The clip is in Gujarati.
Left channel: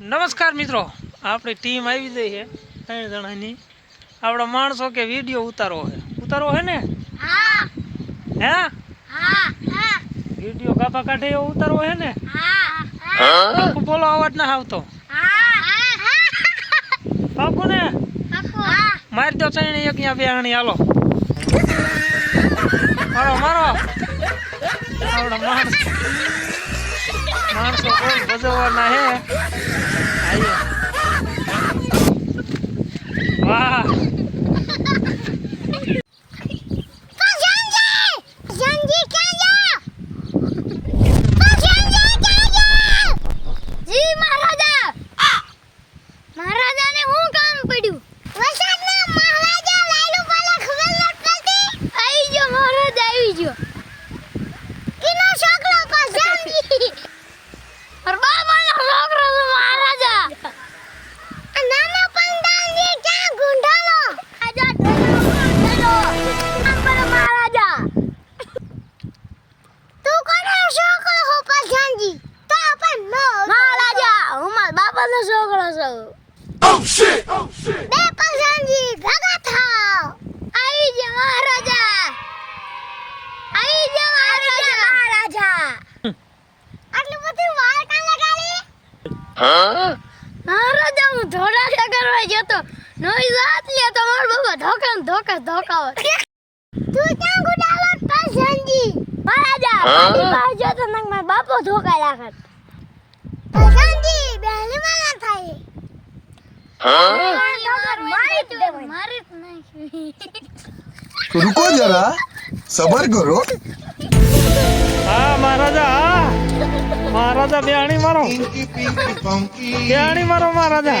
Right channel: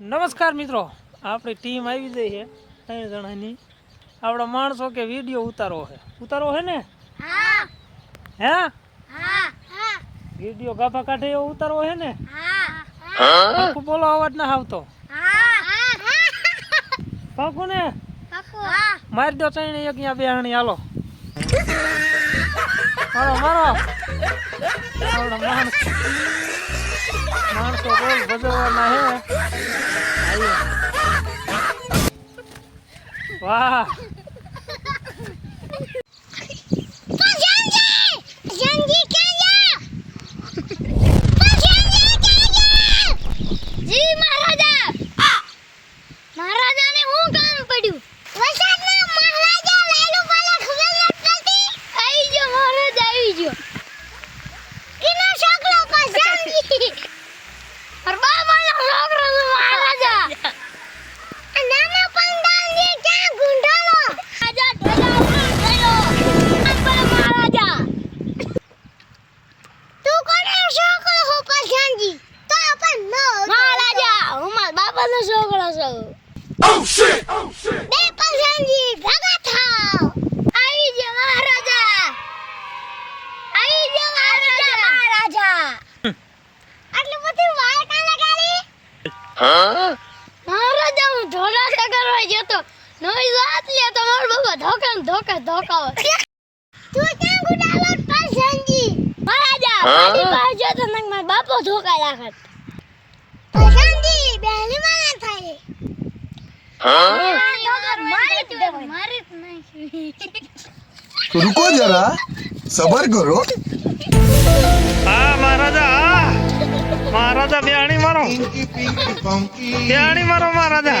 નમસ્કાર મિત્રો આપણી ટીમ આવી ગઈ છે ત્રણ જણાની. આપણો માણસો કે વીડિયો ઉતારવો છે. ઉતારવો છે ને? હા. વીડિયો કાપા કાઢે એવો ઉતારવો છે ને? બોલો અવાજ ના આવતો. પાકું ને? મારી દો ત્રણ એક અહીંયા બેહાણી હાલો. મારો. મારો માણસ. માણસો કોઈ ભજવવાના હે. વાહ જંજી ક્યાં જા જી મહારાજા મહારાજાને શું કામ પડ્યું વરસાદના મહારાજા લાલુ પાલે ખબર નથી પડતી આવી ગયો મહારાજા આવી ગયો કિનો છોકરો કો જંજી અર બાબાનો છોકરો છે મહારાજા આ નાના પંડાલની ક્યાં ગુંડાળો રાજા ઢોલો ઢોલો અંબર મહારાજા તું કોનો છોકરો હો પછાંજી તો પણ મહારાજા હું બાપાનો છોકરો છું બે પછાંજી ભગા થાવ આવી જા મહારાજા આવી જા મહારાજા મહારાજા આટલું બધું વાળ કાં લગાડી? મહારાજા હું ધોળા કરવા જતો નવી વાત લે તો મારો બાબા ધોકા ને ધોકા ધોકાવે તું ક્યાં ગુડાલો પસંદજી મહારાજા મારી પાસે જો તો નંગ માર બાપો ધોકા રાખત નથી બેલી માં ના થાય. હા? રુકો જરા સબર કરો. હા મહારાજા હા. મહારાજા બેણી મારો. બેણી મારો મહારાજા.